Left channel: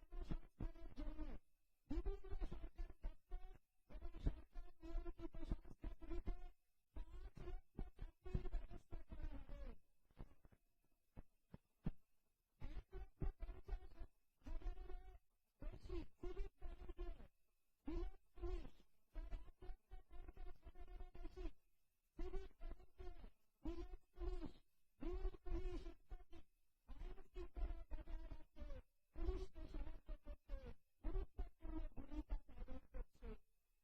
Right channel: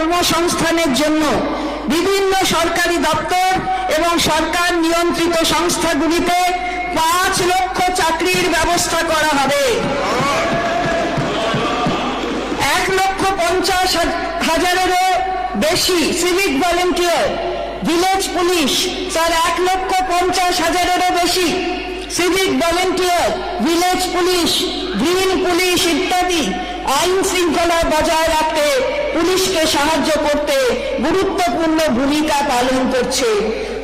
কর্মসংস্থানের জন্য বিভিন্ন সরকারি দপ্তর এবং সরকার নিয়ন্ত্রিত সংস্থাগুলিতে 5 লক্ষ চাকরির ব্যবস্থা করা হবে। 1,50,000-এরও বেশি civic volunteer, village police, sir 1,50,000-এরও বেশি civic volunteer, village police, green police ইত্যাদি আইন শৃঙ্খলা বজায় রাখতে পুলিশকে সাহায্য করতে গুরুত্বপূর্ণ ভূমিকা পালন করছে।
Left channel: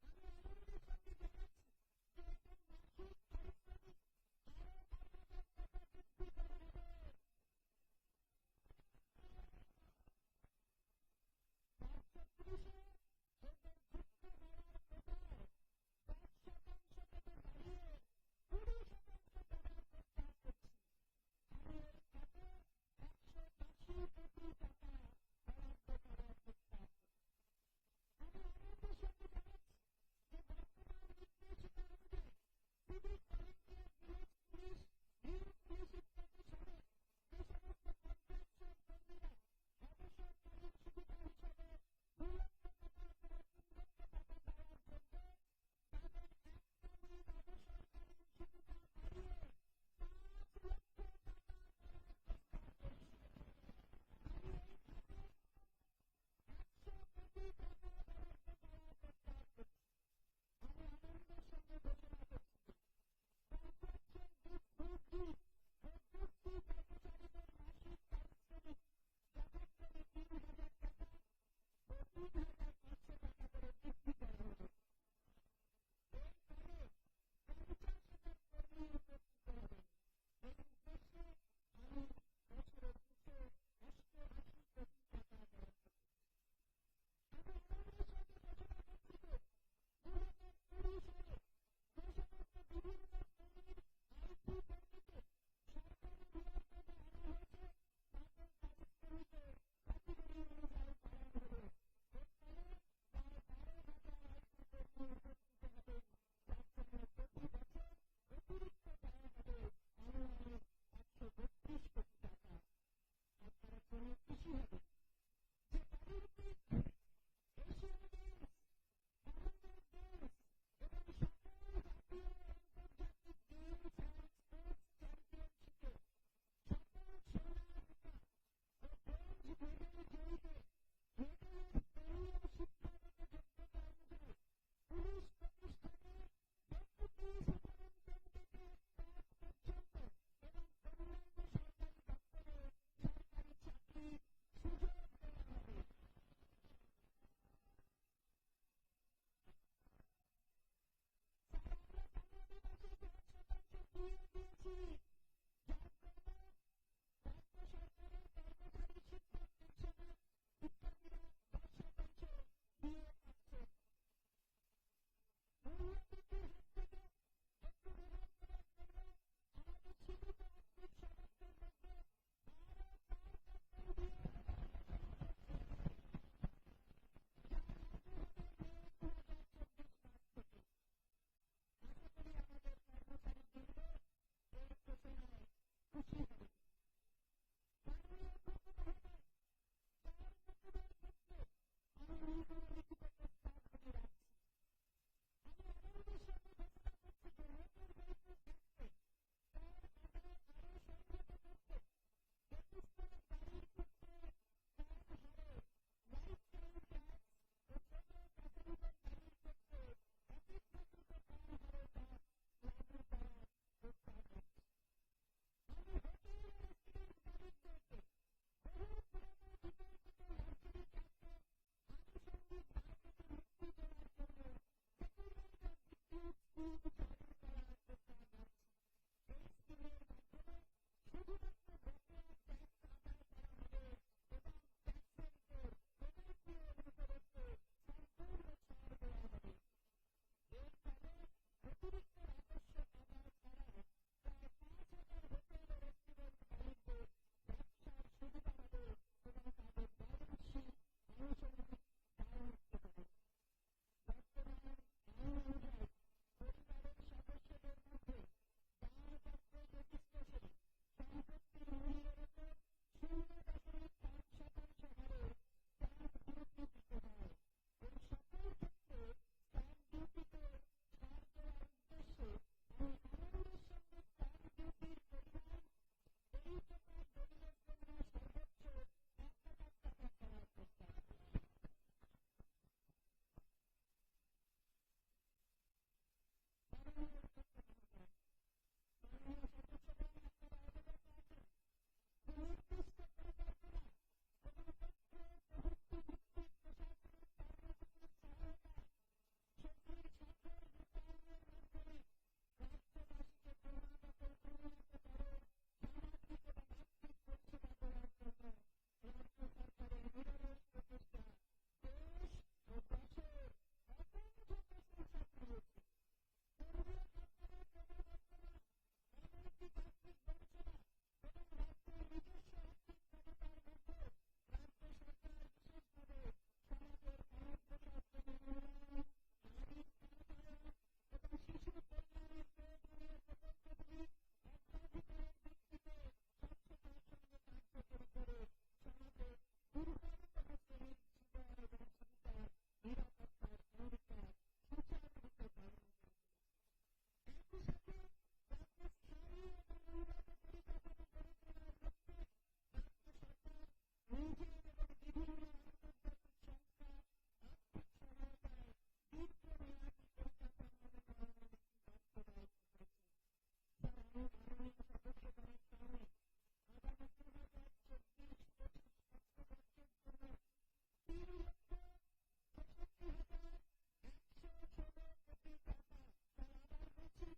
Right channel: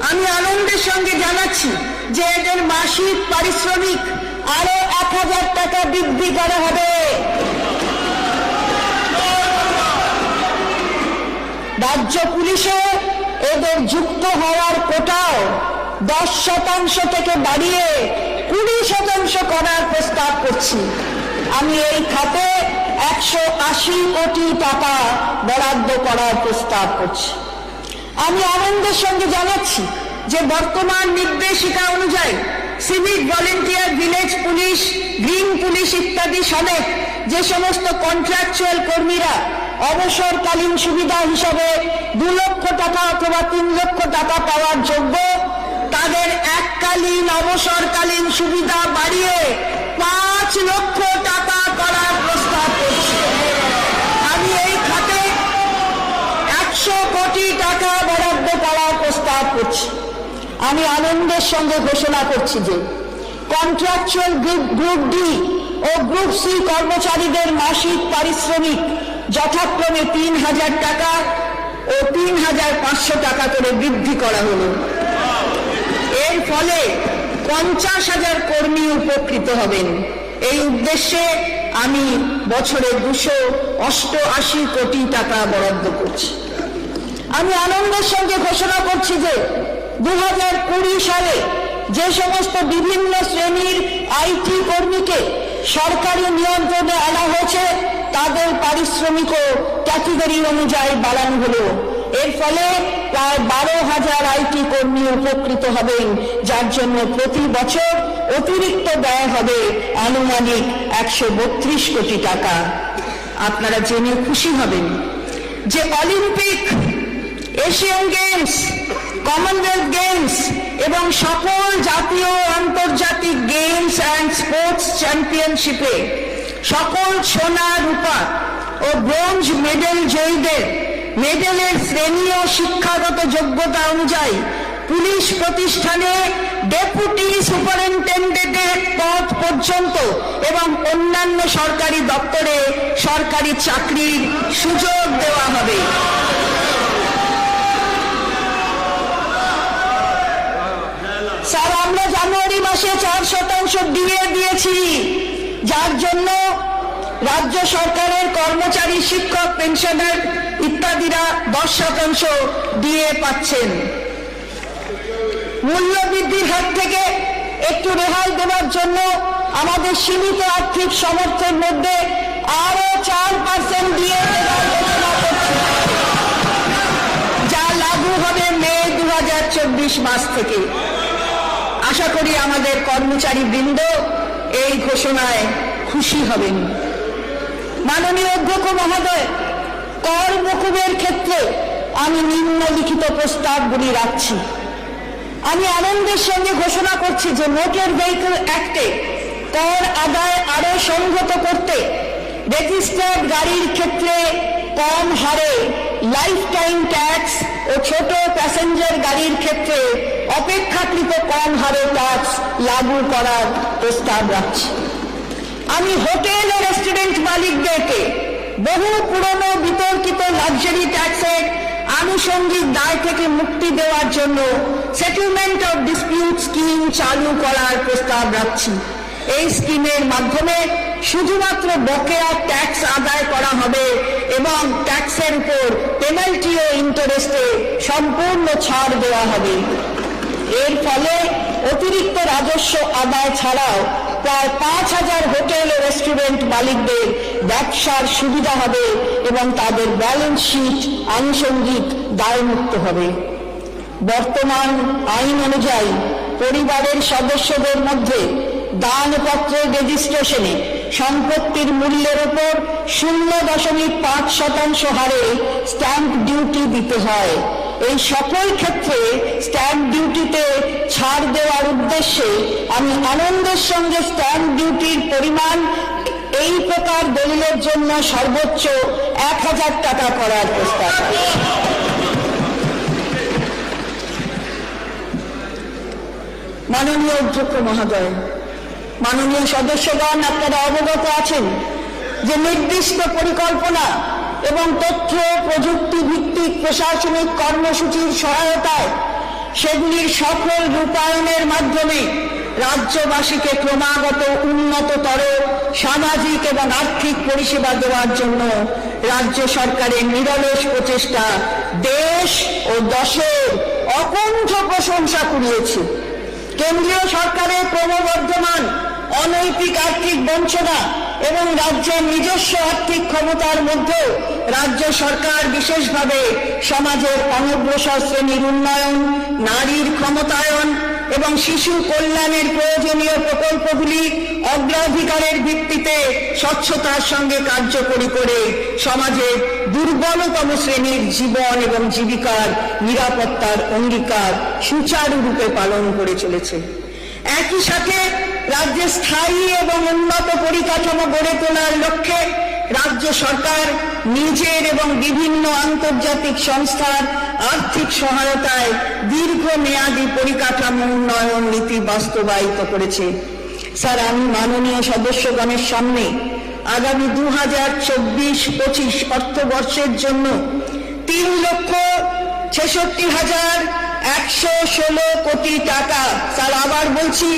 আমি আনন্দের সঙ্গে জানাচ্ছি যে এদের মাসিক পারিশ্রমিক আরো 1,000 টাকা বৃদ্ধি করা হবে। রাজ্য পুলিশে এদের যুক্ত হওয়ার কোটাও 10% থেকে বাড়িয়ে 20% করার প্রস্তাব করছি। আমি এই খাতে 180 কোটি টাকা বরাদ্দ করার প্রস্তাব করছি। আমি আনন্দের সঙ্গে জানাচ্ছি যে বর্তমান নির্দেশিকা অনুযায়ী civic volunteer, village police, green police ইত্যাদি সমেত যে সমস্ত কন্ট্রাকচুয়াল কর্মীরা অবসরকালীন সুবিধা হিসাবে 2 লক্ষ টাকা অথবা 3 লক্ষ টাকা পাওয়ার যোগ্য, তাদের এককালীন অবসরকালীন সুবিধা বাড়িয়ে 5 লক্ষ টাকা করার প্রস্তাব করছি। আমি এই খাতে 100 কোটি টাকা বরাদ্দ করার প্রস্তাব করছি। আমি আনন্দের সঙ্গে ঘোষণা করছি যে কন্ট্রাকচুয়াল গ্রুপ ডি ও গ্রুপ সি কর্মচারীদের মাসিক পারিশ্রমিক যথাক্রমে 3,000 টাকা ও 3,500 টাকা করে বৃদ্ধি করা হলো। এর ফলে 50,000 কর্মী উপকৃত হবেন। এই উদ্দেশ্যে আমি বছরে 288 কোটি টাকা বরাদ্দ করছি। আমি আনন্দের সঙ্গে ঘোষণা করছি যে 2020 সালে যে সমস্ত বিভিন্ন শ্রেণীর আইটি কর্মীকে সরকারি নিয়ন্ত্রণে আনা হয়েছে তাদের পারিশ্রমিকও ক্যাটেগরি অনুযায়ী বাড়ানো হলো। এর ফলে প্রায় 12,000 আইটি কর্মী উপকৃত হবেন, যার জন্য প্রতি বছর অতিরিক্ত ব্যয় হবে আনুমানিক 132 কোটি টাকা। আপনারা জেনে খুশি হবেন যে Olympic, Asian games, Commonwealth games এবং সকল জাতীয় আন্তর্জাতিক গেমস অ্যান্ড স্পোর্টস চ্যাম্পিয়নশিপে সকল সোনা, রূপা ও ব্রোঞ্জ মেডেল জয়ীদের মেডেলের শ্রেণী ও শিক্ষাগত যোগ্যতা অনুযায়ী পুলিশ প্রতিষ্ঠানে ডেপুটি সুপারিনটেন্ডেন্টের পদ পর্যন্ত এবং অন্যান্য সরকারি দপ্তরে সরকারি চাকরির সুযোগ দেওয়া হবে। স্যার, আমরা জানুয়ারি মাসে 4% ডিএ দিয়েছি, যার জন্য রাজ্য সরকারের কর্মচারী, শিক্ষক, পেনশনার ইত্যাদিরা 10% ডিএ পাচ্ছেন। মূল্য বৃদ্ধির হাত থেকে একটু রেহাই দেওয়ার জন্য আমাদের সীমিত আর্থিক সামর্থ্যের মধ্যে আরো 4% ডিএ দেওয়ার ঘোষণা করছি, যা লাগু হবে মে 2024 মাস থেকে। আশা করি আমাদের কর্মচারী বৃন্দ এই ঘোষণায় খুশি হবেন। মাননীয় অধ্যক্ষ মহোদয়, কর মকুবের ক্ষেত্রে আমি নিম্নলিখিত প্রস্তাবগুলি রাখছি। আমি আনন্দের সঙ্গে ঘোষণা করছি যে মোটর ভেহিকল অ্যাক্টে কর আদায় আরো সংহত করতে রেজিস্টার্ড গাড়ির ক্ষেত্রে কম হারে লাইফ টাইম ট্যাক্স ও ছোট প্যাসেঞ্জার গাড়ির ক্ষেত্রে অপেক্ষাকৃত কম হারে ট্যাক্স লাগু করার প্রস্তাব রাখছি। আমি হোটেল ও রেস্টুরেন্ট মালিকদেরকে বহু পুরনো বিতর্কিত লাক্সারি ট্যাক্সের আনুষঙ্গিক দায় থেকে মুক্তি দেওয়ার জন্য সেটেলমেন্ট অফ ডিসপিউট স্কিম চালু করার প্রস্তাব রাখছি। এই স্কিমের মাধ্যমে শুধুমাত্র বকেয়া ট্যাক্স আদায় করা হবে এবং ট্যাক্সের উপর পেনাল্টি ও ইন্টারেস্টে সম্পূর্ণ ছাড় দেওয়া হবে। এর ফলে অতিরিক্ত রাজস্ব আদায় ছাড়াও প্রায় 5,000 হোটেল ও রেস্টুরেন্ট মালিকদের ব্যবসার সুবিধা হবে এবং তাদের ব্যালেন্স শিট আনুষঙ্গিক দায়মুক্ত হবে। বর্তমান আইন অনুযায়ী পরিবারের সদস্যদের মধ্যে দানপত্রের রেজিস্ট্রেশনে সম্পত্তির মূল্যের উপর 0.5% হারে স্ট্যাম্প ডিউটি দিতে হয়। এই সকল ক্ষেত্রে স্ট্যাম্প ডিউটিতে ছাড় দেওয়ার উদ্দেশ্যে আমি আনন্দের সঙ্গে স্ট্যাম্প ডিউটির পরিমাণ এই প্রকার দলিলের জন্য সর্বোচ্চ 1000 টাকা করার প্রস্তাব। মাননীয় অধ্যক্ষ মহোদয়, মাননীয় সদস্যগণ, আপনারা অবগত আছেন যে নির্দিষ্ট পরিকল্পনা এবং তথ্য প্রযুক্তি ভিত্তিক প্রশাসনিক কর্মসূচির সহায়তায় সেগুলির সফল রূপায়ণের মাধ্যমে রাজ্যবাসীকে ক্রমাগত উন্নততর সামাজিক এবং আর্থিক পরিষেবা দেওয়ার জন্য রাজ্য সরকারের নিরলস প্রচেষ্টা দেশ ও দশের অকুণ্ঠ প্রশংসা কুড়িয়েছে। কেন্দ্রীয় সরকারের ক্রমবর্ধমান অনৈতিক আর্থিক বঞ্চনা এবং রাজ্যের নিজস্ব আর্থিক ক্ষমতার মধ্যে রাজ্য সরকার বিশেষভাবে সমাজের অনগ্রসর শ্রেণীর উন্নয়ন, নারীর ক্ষমতায়ন এবং শিশু কল্যাণের প্রয়োজনীয় প্রকল্পগুলি অগ্রাধিকারের ভিত্তিতে স্বচ্ছতার সঙ্গে কার্যকরী করে সমাজের দুর্বলতম শ্রেণীর জীবন এবং জীবিকার নিরাপত্তার অঙ্গীকার সুচারুরূপে পালন করে চলেছে। একই সাথে রাজ্যে স্থায়ী এবং উন্নত পরিকাঠামো গড়ে তোলার লক্ষ্যে রাজ্য সরকার নিজের এবং বিভিন্ন আন্তর্জাতিক সংস্থার আর্থিক সহায়তায় দীর্ঘমেয়াদী পরিকাঠামো উন্নয়ন নীতি বাস্তবায়িত করেছে। স্যার, আমি মাননীয় সদস্যগণের সামনে আগামী 2024-25 অর্থবর্ষের জন্য 3,66,116 কোটি টাকা, স্যার আবার বলছি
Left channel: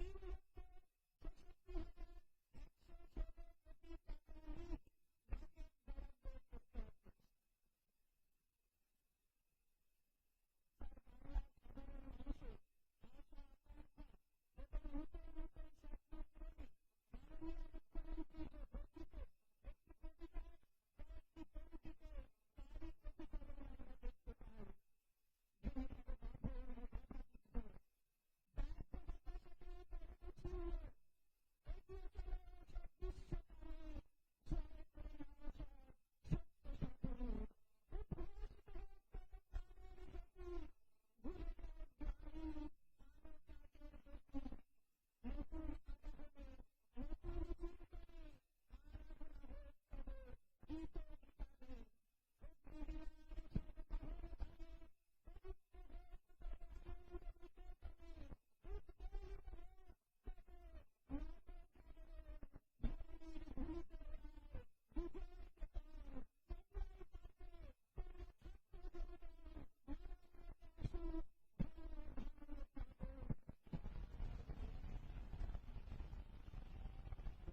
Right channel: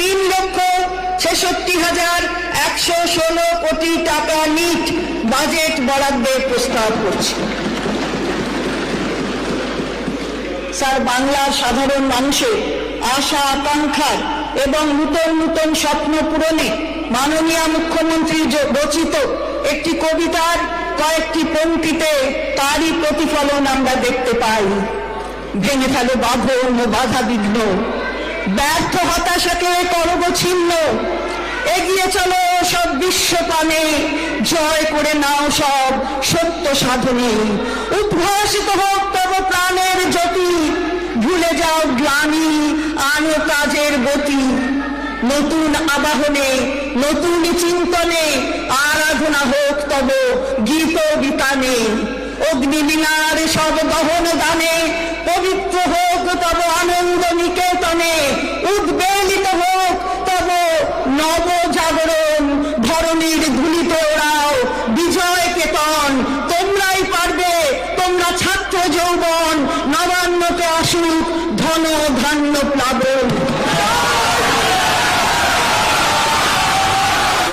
3,66,116 কোটি টাকা নিট বাজেট বরাদ্দের প্রস্তাব করছি। স্যার, বাংলার সাধারণ মানুষের আশা আকাঙ্ক্ষার এবং নূতন নূতন স্বপ্ন পূরণে মাননীয় মুখ্যমন্ত্রী রচিত একটি কবিতার কয়েকটি পংক্তিতে তারই প্রতিফলন আমরা দেখতে পাই। ভেঙে ফেলো বাঁধন ও বাধা বিঘ্ন, ব্যর্থ হতাশাকে করব ছিন্ন, এগিয়ে চলো সব বিশ্বপানে, জয় করে নাও সব সত্য সাধনে, উদ্ভাসিত হোক তব প্রাণের জ্যোতি, ভুলে যাও গ্লানি আনো কাজের গতি, নতুন আবাহনে নতুন চিন্তনে আরাধনা হোক তব গীত বিতানে, অগ্নিবীণার সব দহন দানে পবিত্র হোক তব আনন্দ নিকেতনে, উদ্বেলিত হোক তব নব জাগরণ, ধরণীর ধুলিতে ওড়াও বিজয় কেতন, তোমরাই পারবে, তোমরা ছাত্র যৌবন, নবান্নকে আসুক ধন ধান্য প্লাবন।